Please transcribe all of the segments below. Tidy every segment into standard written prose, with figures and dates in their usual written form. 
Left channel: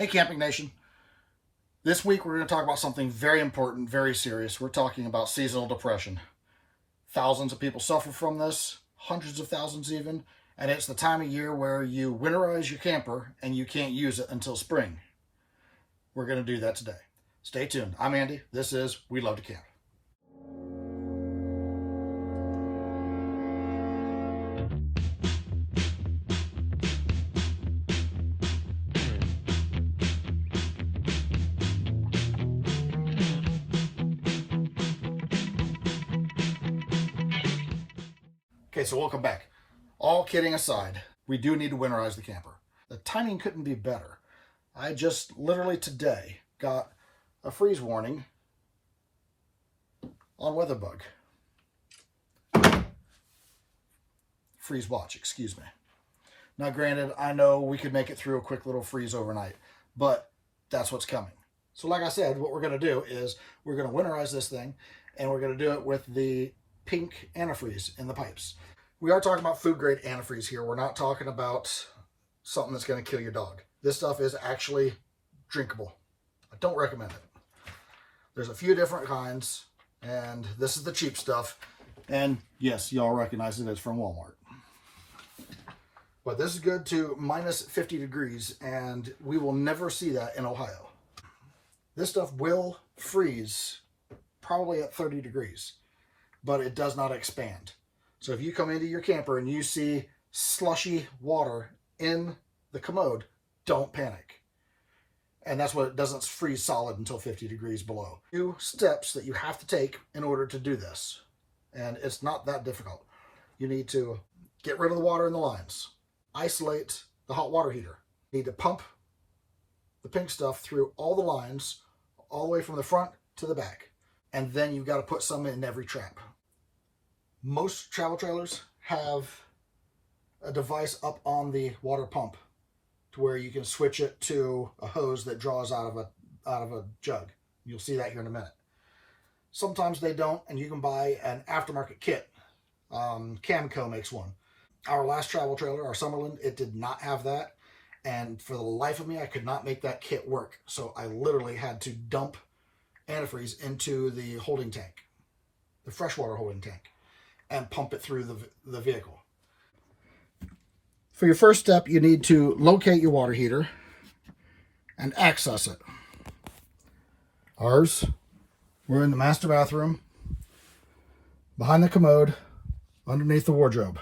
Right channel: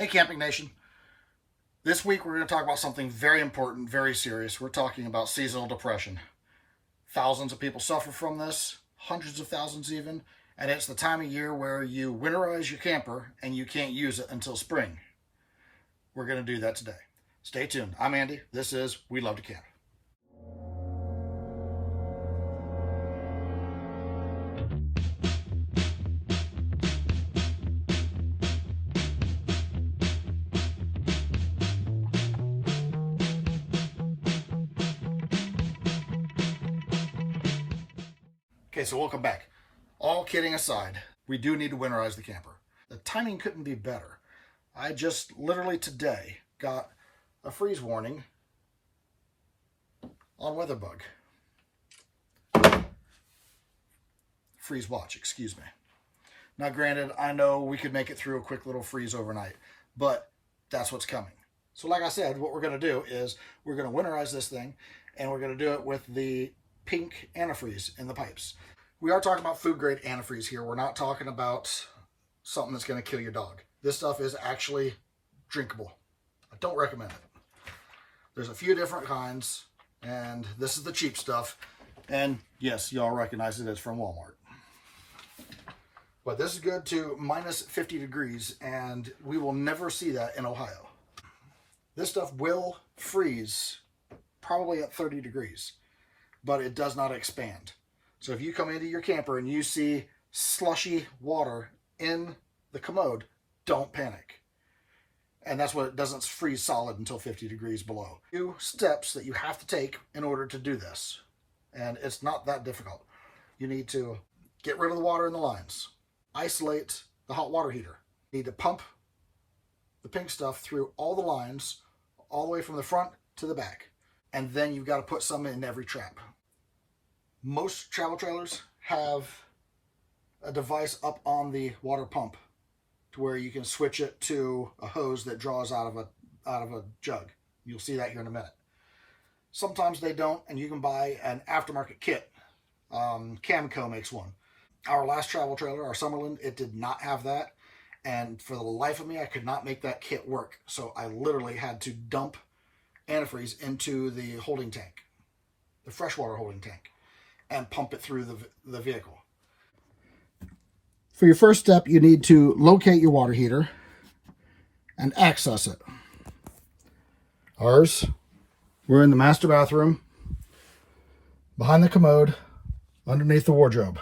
Hey Camping Nation. This week we're going to talk about something very important, very serious. We're talking about seasonal depression. Thousands of people suffer from this, hundreds of thousands even, and it's the time of year where you winterize your camper and you can't use it until spring. We're going to do that today. Stay tuned. I'm Andy. This is We Love to Camp. Okay, so welcome back. All kidding aside, we do need to winterize the camper. The timing couldn't be better. I just literally today got a freeze warning on WeatherBug. Freeze watch, excuse me. Now granted, I know we could make it through a quick little freeze overnight, but that's what's coming. So like I said, what we're going to do is we're going to winterize this thing, and we're going to do it with the pink antifreeze in the pipes. We are talking about food grade antifreeze here. We're not talking about something that's going to kill your dog. This stuff is actually drinkable. I don't recommend it. There's a few different kinds, and this is the cheap stuff. And yes, y'all recognize it as from Walmart. But this is good to minus 50 degrees, and we will never see that in Ohio. This stuff will freeze probably at 30 degrees. But it does not expand. So if you come into your camper and you see slushy water in the commode, don't panic. And that's what it doesn't freeze solid until 50 degrees below. Few steps that you have to take in order to do this. And it's not that difficult. You need to get rid of the water in the lines. Isolate the hot water heater. You need to pump the pink stuff through all the lines, all the way from the front to the back. And then you've got to put some in every trap. Most travel trailers have a device up on the water pump to where you can switch it to a hose that draws out of a jug. You'll see that here in a minute. Sometimes they don't, and you can buy an aftermarket kit. Camco makes one. Our last travel trailer, our Summerland, it did not have that. And for the life of me, I could not make that kit work. So I literally had to dump antifreeze into the holding tank, the freshwater holding tank, and pump it through the vehicle. For your first step, you need to locate your water heater and access it. Ours, we're in the master bathroom, behind the commode, underneath the wardrobe.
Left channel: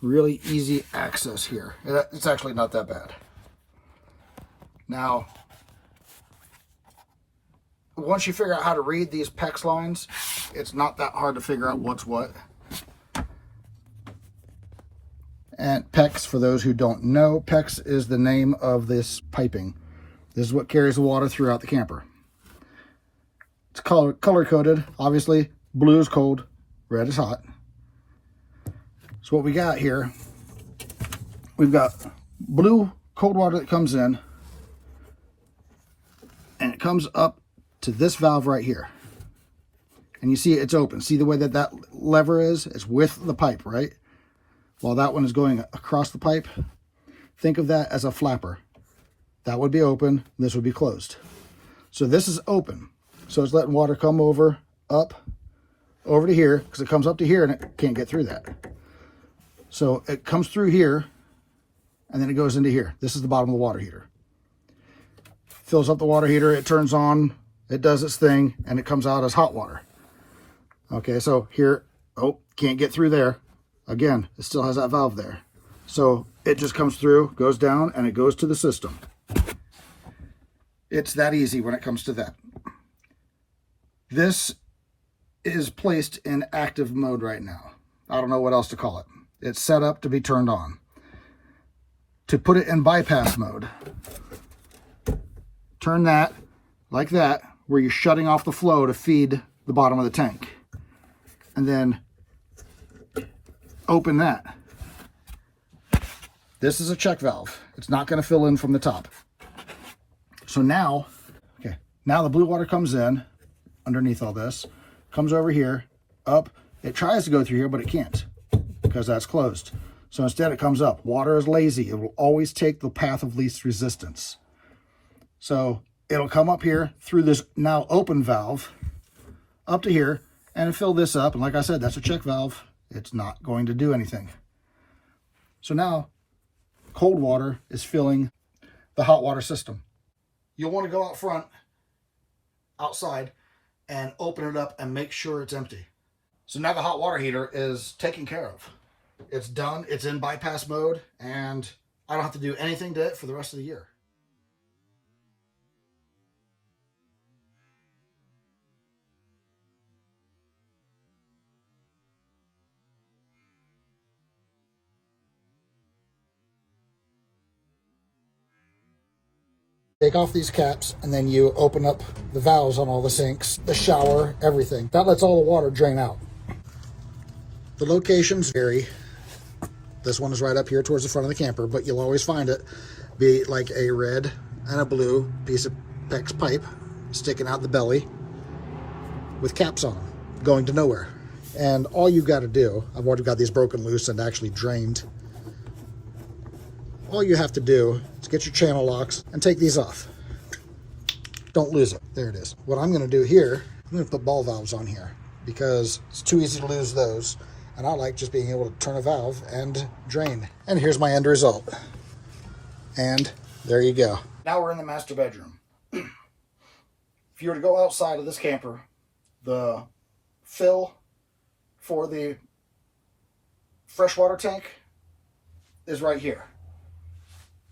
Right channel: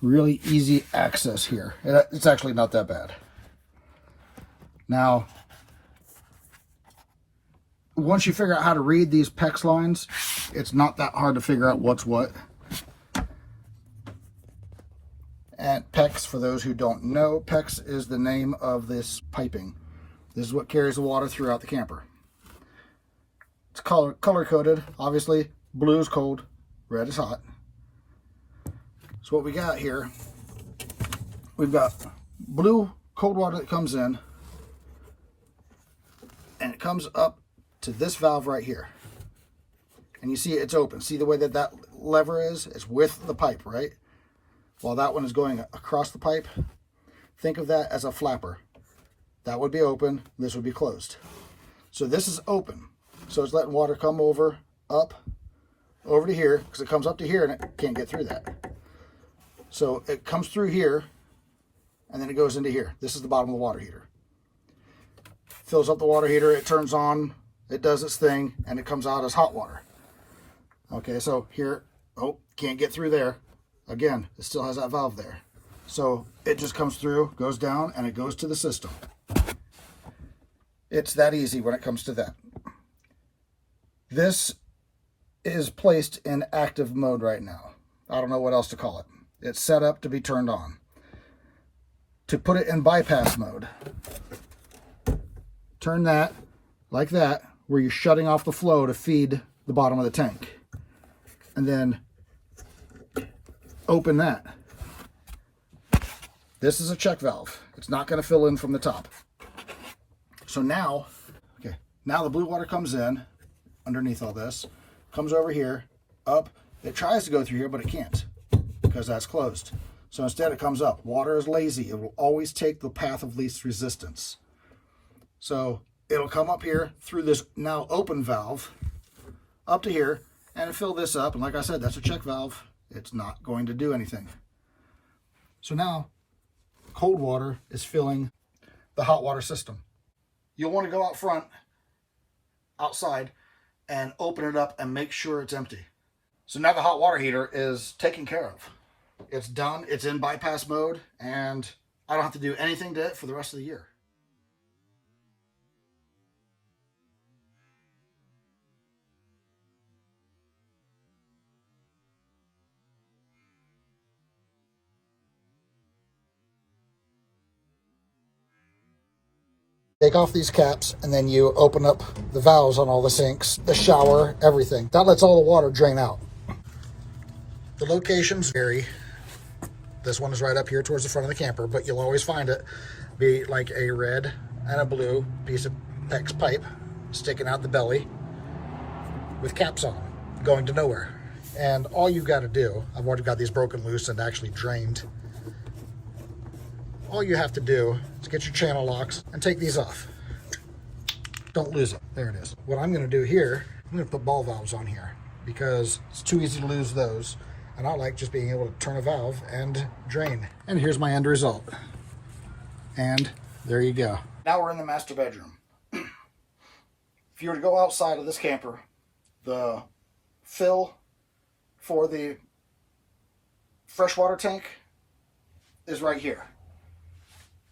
Really easy access here. It's actually not that bad. Now, once you figure out how to read these PEX lines, it's not that hard to figure out what's what. And PEX, for those who don't know, PEX is the name of this piping. This is what carries the water throughout the camper. It's color coded. Obviously, blue is cold, red is hot. So what we got here, we've got blue cold water that comes in, and it comes up to this valve right here. And you see it's open. See the way that that lever is? It's with the pipe, right? While that one is going across the pipe, think of that as a flapper. That would be open, this would be closed. So this is open. So it's letting water come over to here, because it comes up to here and it can't get through that. So it comes through here, and then it goes into here. This is the bottom of the water heater. Fills up the water heater, it turns on, it does its thing, and it comes out as hot water. Okay, so here, can't get through there. Again, it still has that valve there. So it just comes through, goes down, and it goes to the system. It's that easy when it comes to that. This is placed in active mode right now. I don't know what else to call it. It's set up to be turned on. To put it in bypass mode, turn that like that, where you're shutting off the flow to feed the bottom of the tank. And then open that. This is a check valve. It's not going to fill in from the top. So now the blue water comes in underneath all this, comes over here, up. It tries to go through here, but it can't because that's closed. So instead it comes up. Water is lazy. It will always take the path of least resistance. So it'll come up here through this now open valve up to here and fill this up. And like I said, that's a check valve. It's not going to do anything. So now cold water is filling the hot water system. You'll want to go out front, outside, and open it up and make sure it's empty. So now the hot water heater is taken care of. It's done, it's in bypass mode, and I don't have to do anything to it for the rest of the year. Take off these caps, and then you open up the valves on all the sinks, the shower, everything. That lets all the water drain out. The locations vary. This one is right up here towards the front of the camper, but you'll always find it be like a red and a blue piece of PEX pipe sticking out the belly with caps on, going to nowhere. And all you've got to do, I've already got these broken loose and actually drained. All you have to do is get your channel locks and take these off. Don't lose it. There it is. What I'm going to do here, I'm going to put ball valves on here because it's too easy to lose those. And I like just being able to turn a valve and drain. And here's my end result. And there you go. Now we're in the master bedroom. If you were to go outside of this camper, the fill for the freshwater tank is right here.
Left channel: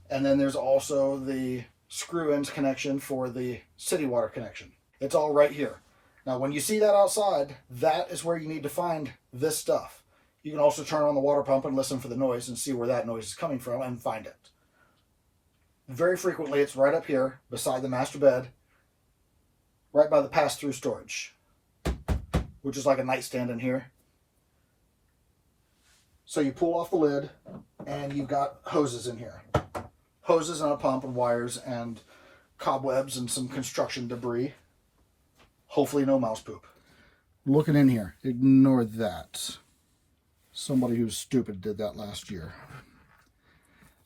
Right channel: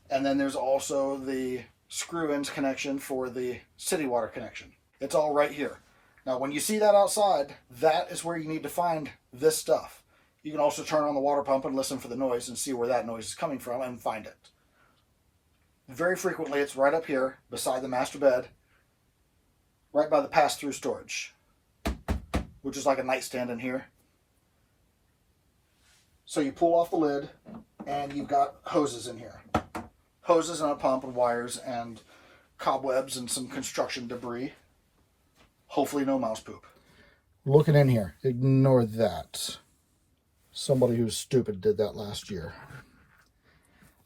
And then there's also the screw-ins connection for the city water connection. It's all right here. Now, when you see that outside, that is where you need to find this stuff. You can also turn on the water pump and listen for the noise and see where that noise is coming from and find it. Very frequently, it's right up here beside the master bed, right by the pass-through storage, which is like a nightstand in here. So you pull off the lid, and you've got hoses in here. Hoses and a pump and wires and cobwebs and some construction debris. Hopefully no mouse poop. Looking in here, ignore that. Somebody who's stupid did that last year.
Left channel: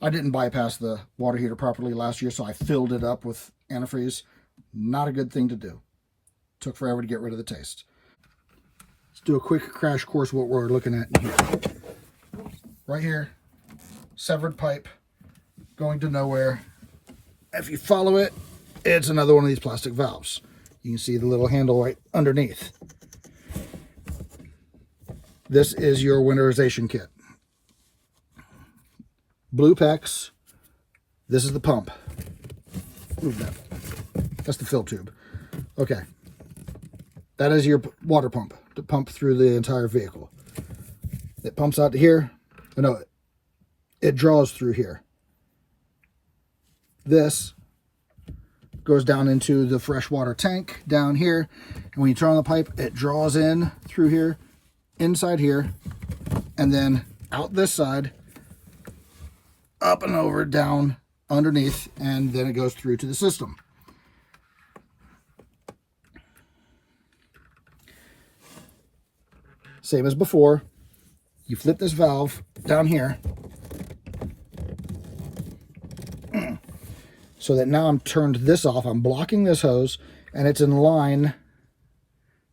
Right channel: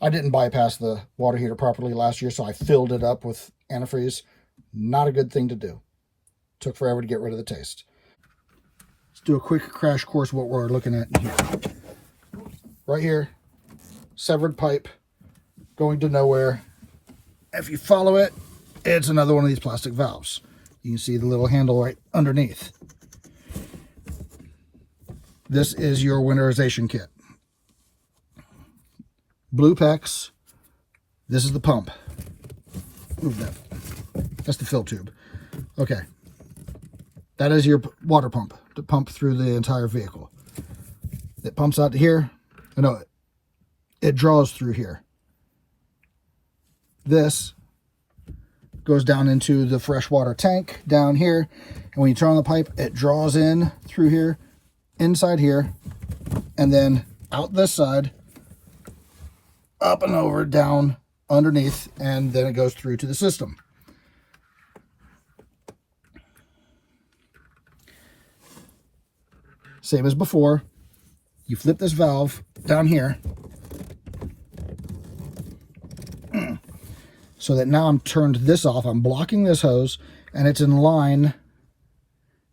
I didn't bypass the water heater properly last year, so I filled it up with antifreeze. Not a good thing to do. Took forever to get rid of the taste. Let's do a quick crash course of what we're looking at here. Right here, severed pipe going to nowhere. If you follow it, it's another one of these plastic valves. You can see the little handle right underneath. This is your winterization kit. Blue PEX. This is the pump. Move that. That's the fill tube. Okay. That is your water pump to pump through the entire vehicle. It pumps out to here. No, it draws through here. This goes down into the freshwater tank down here. And when you turn on the pipe, it draws in through here, inside here, and then out this side, up and over, down underneath, and then it goes through to the system. Same as before. You flip this valve down here so that now I'm turned this off. I'm blocking this hose, and it's in line.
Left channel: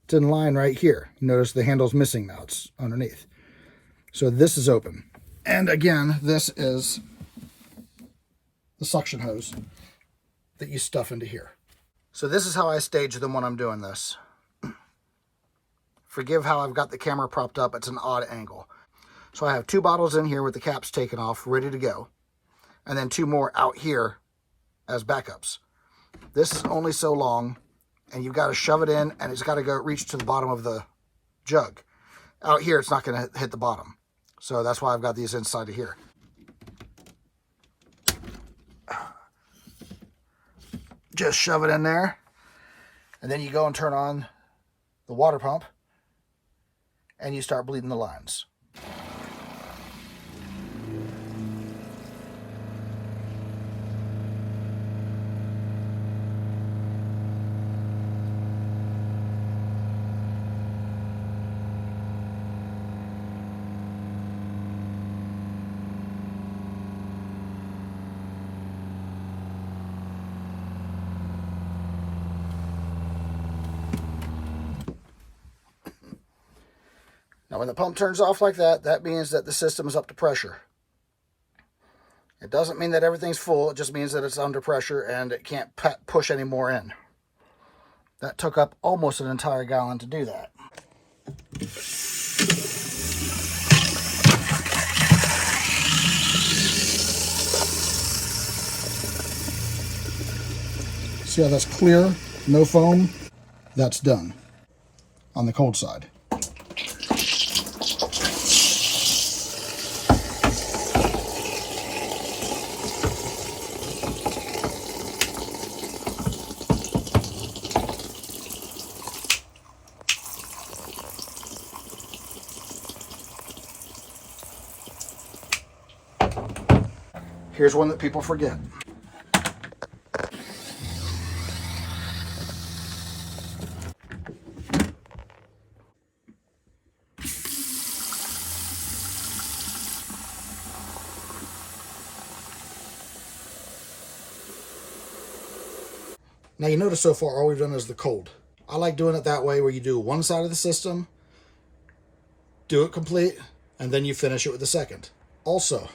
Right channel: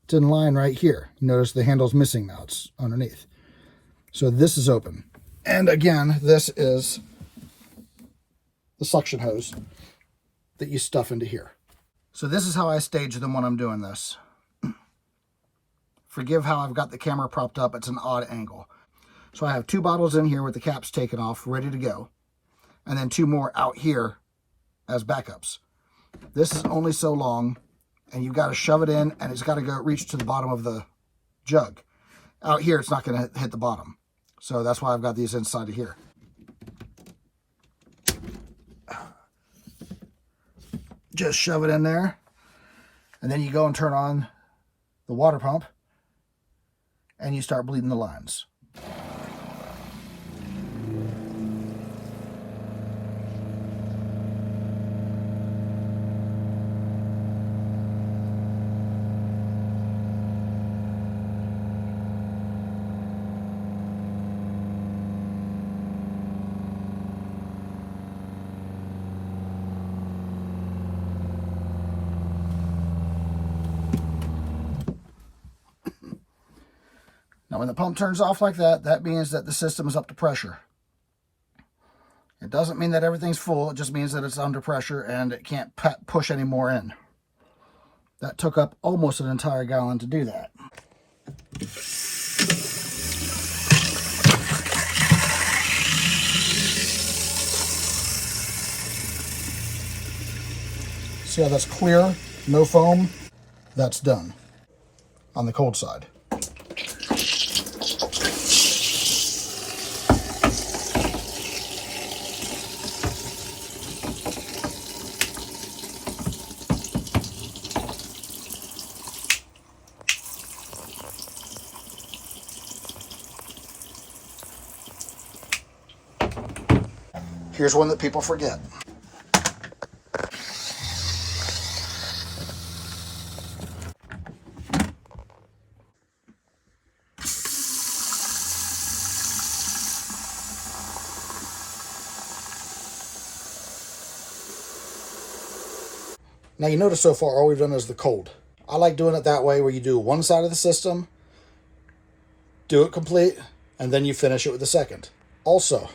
It's in line right here. Notice the handle's missing now. It's underneath. So this is open. And again, this is the suction hose that you stuff into here. So this is how I stage them when I'm doing this. Forgive how I've got the camera propped up. It's an odd angle. So I have 2 bottles in here with the caps taken off, ready to go. And then 2 more out here as backups. This is only so long, and you've got to shove it in, and it's got to go reach to the bottom of the jug. Out here, it's not going to hit the bottom. So that's why I've got these inside of here. Just shove it in there, and then you go and turn on the water pump, and you start bleeding the lines. when the pump turns off like that, that means that the system is up to pressure. It doesn't mean that everything's full. It just means that it's under pressure and it can't push any more in. That took up almost an entire gallon to do that. See how that's clear? No foam? That's done on the cold side. Here's one that people forget. Now you notice so far all we've done is the cold. I like doing it that way, where you do one side of the system, do it complete, and then you finish it with the second. Also,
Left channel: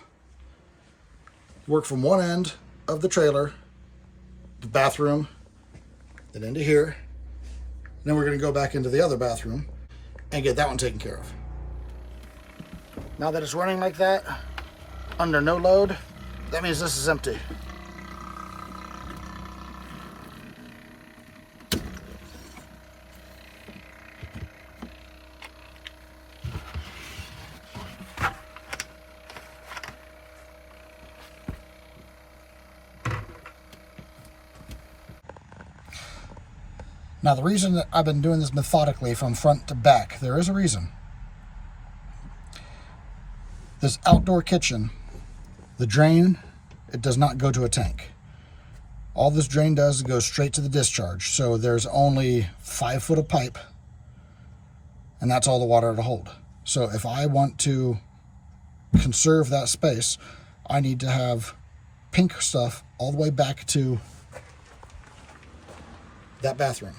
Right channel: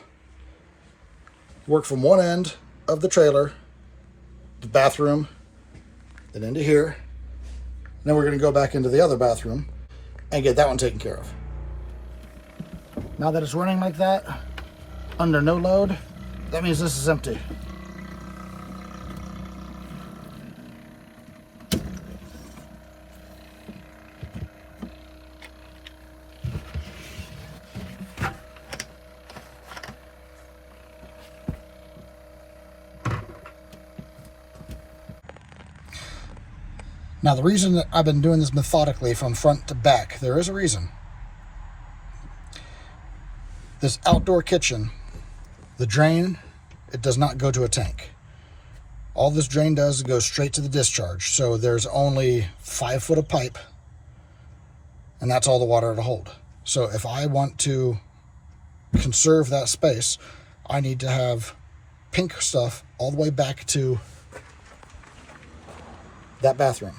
work from one end of the trailer, the bathroom, then into here. Then we're going to go back into the other bathroom and get that one taken care of. Now that it's running like that, under no load, that means this is empty. Now the reason that I've been doing this methodically from front to back, there is a reason. This outdoor kitchen, the drain, it does not go to a tank. All this drain does is go straight to the discharge. So there's only 5 foot of pipe, and that's all the water to hold. So if I want to conserve that space, I need to have pink stuff all the way back to that bathroom.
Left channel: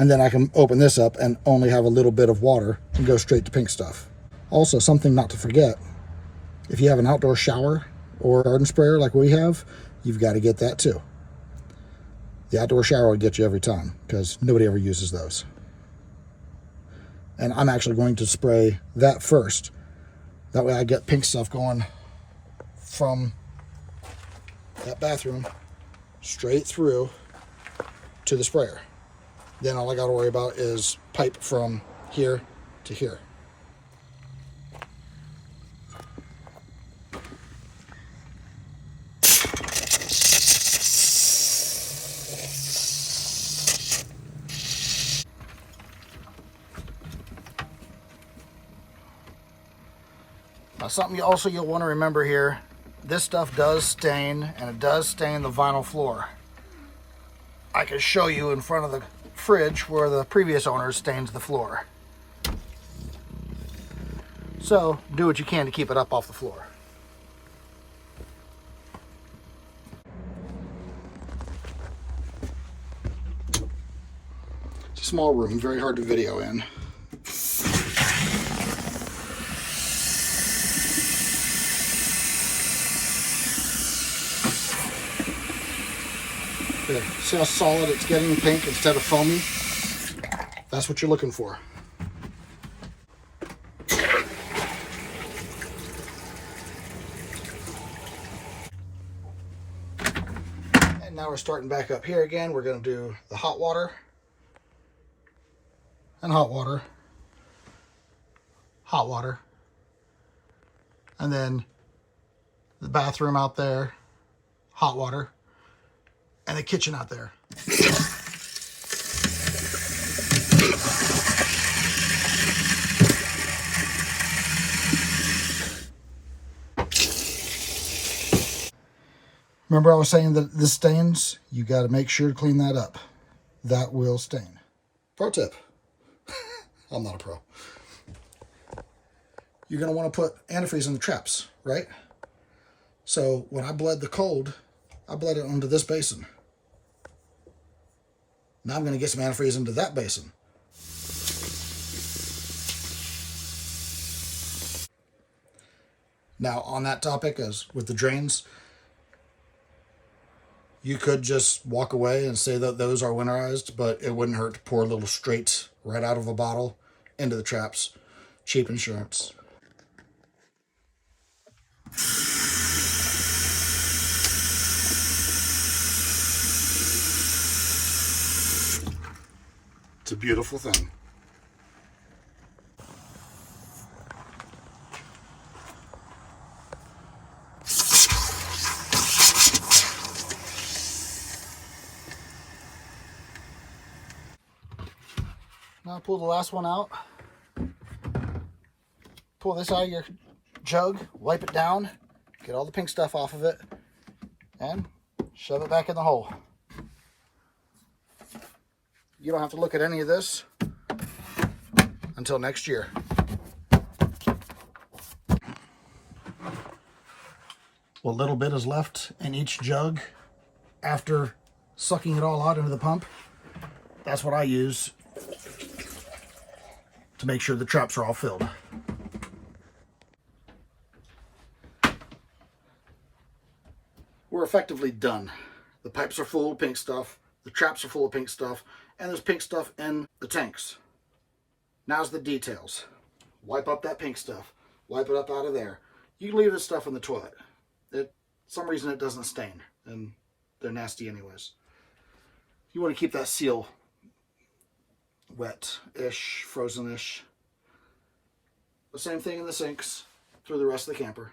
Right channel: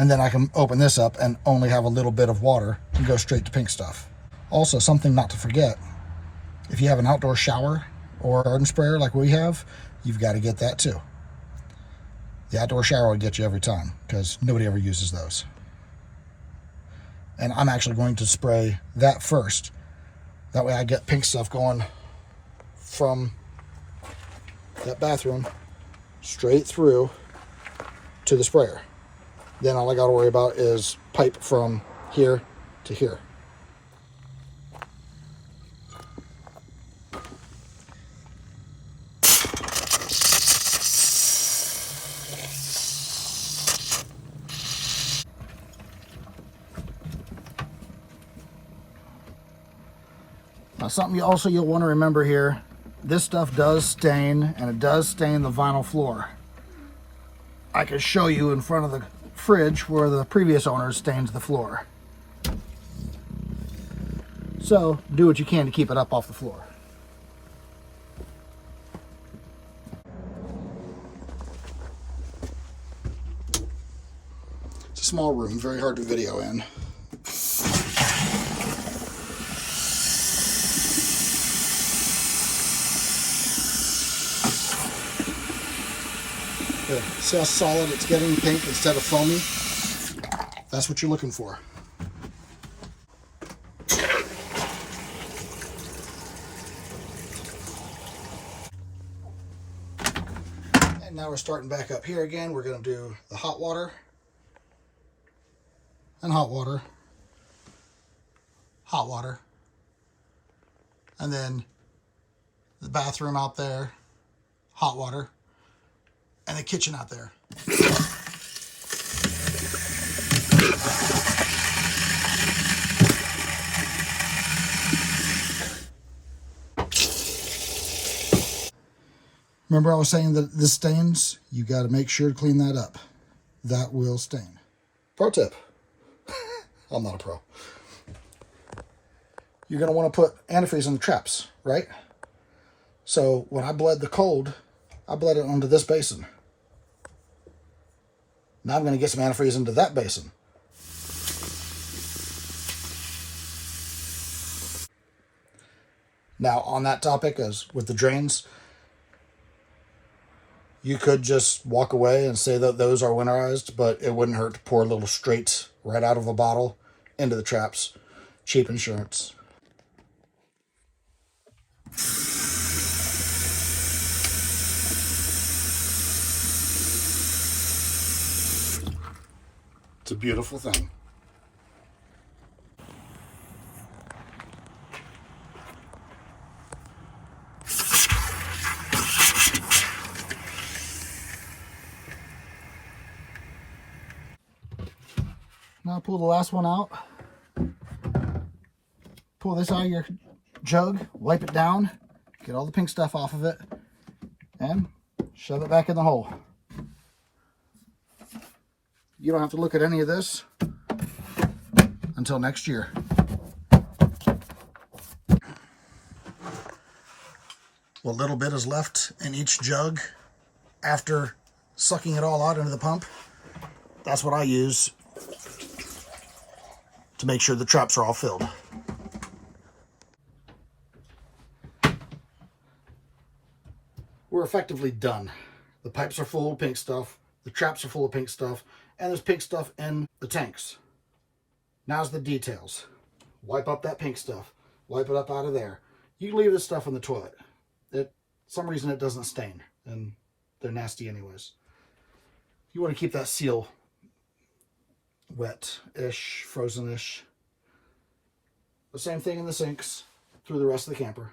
And then I can open this up and only have a little bit of water and go straight to pink stuff. Also, something not to forget, if you have an outdoor shower or garden sprayer like we have, you've got to get that too. The outdoor shower will get you every time because nobody ever uses those. And I'm actually going to spray that first. That way I get pink stuff going from that bathroom straight through to the sprayer. Then all I got to worry about is pipe from here to here. Now something you'll want to remember here, this stuff does stain, and it does stain the vinyl floor. I can show you in front of the fridge where the previous owner stained the floor. So do what you can to keep it up off the floor. It's a small room, very hard to video in. There, see how solid it's getting pink instead of foamy? That's what you're looking for. And now we're starting back up here again. We're going to do the hot water and hot water, hot water, and then the bathroom out there, hot water, and the kitchen out there. Remember I was saying that this stains? You got to make sure to clean that up. That will stain. Pro tip. I'm not a pro. You're going to want to put antifreeze in the traps, right? So when I bled the cold, I bled it onto this basin. Now I'm going to get some antifreeze into that basin. Now, on that topic, as with the drains, you could just walk away and say that those are winterized, but it wouldn't hurt to pour a little straight right out of a bottle into the traps. Cheap insurance. It's a beautiful thing. Now pull the last one out. Pull this out of your jug, wipe it down, get all the pink stuff off of it, and shove it back in the hole. You don't have to look at any of this until next year. What little bit is left in each jug after sucking it all out into the pump, that's what I use to make sure the traps are all filled. We're effectively done. The pipes are full of pink stuff, the traps are full of pink stuff, and there's pink stuff in the tanks. Now's the details. Wipe up that pink stuff. Wipe it up out of there. You can leave this stuff in the toilet. Some reason it doesn't stain, and they're nasty anyways. You want to keep that seal wet-ish, frozen-ish. The same thing in the sinks through the rest of the camper.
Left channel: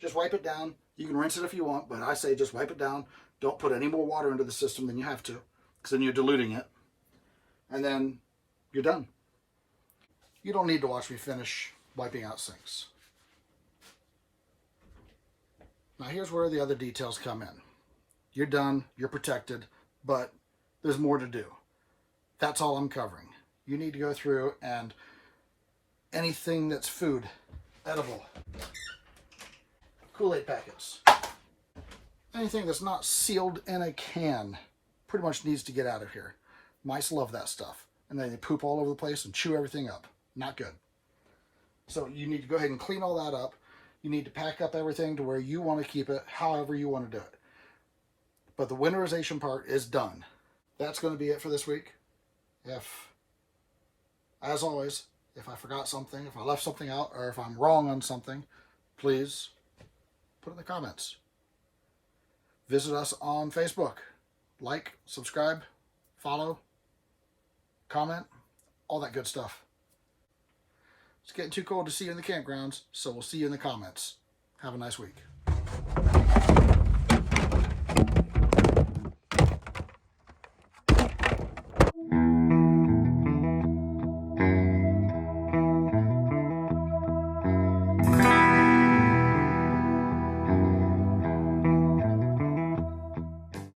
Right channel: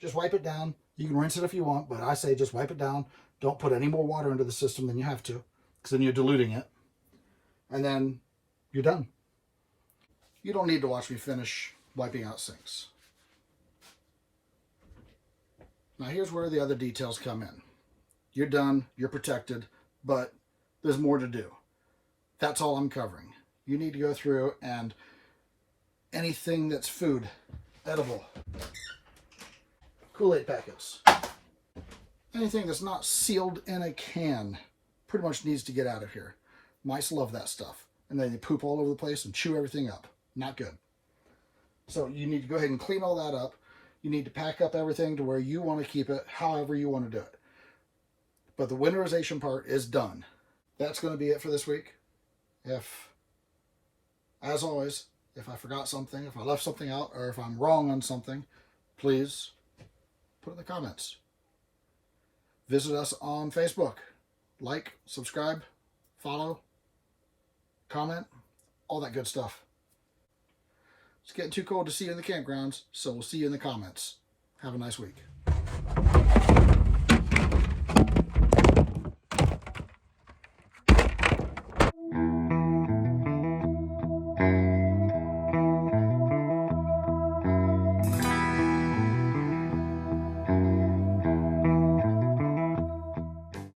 Just wipe it down. You can rinse it if you want, but I say just wipe it down. Don't put any more water into the system than you have to, because then you're diluting it. And then you're done. You don't need to watch me finish wiping out sinks. Now here's where the other details come in. You're done, you're protected, but there's more to do. That's all I'm covering. You need to go through and anything that's food, edible, Kool-Aid packets, anything that's not sealed in a can pretty much needs to get out of here. Mice love that stuff. And then they poop all over the place and chew everything up. Not good. So you need to go ahead and clean all that up. You need to pack up everything to where you want to keep it, however you want to do it. But the winterization part is done. That's going to be it for this week. As always, if I forgot something, if I left something out, or if I'm wrong on something, please put it in the comments. Visit us on Facebook. Like, subscribe, follow, comment, all that good stuff. It's getting too cold to see you in the campgrounds, so we'll see you in the comments. Have a nice week.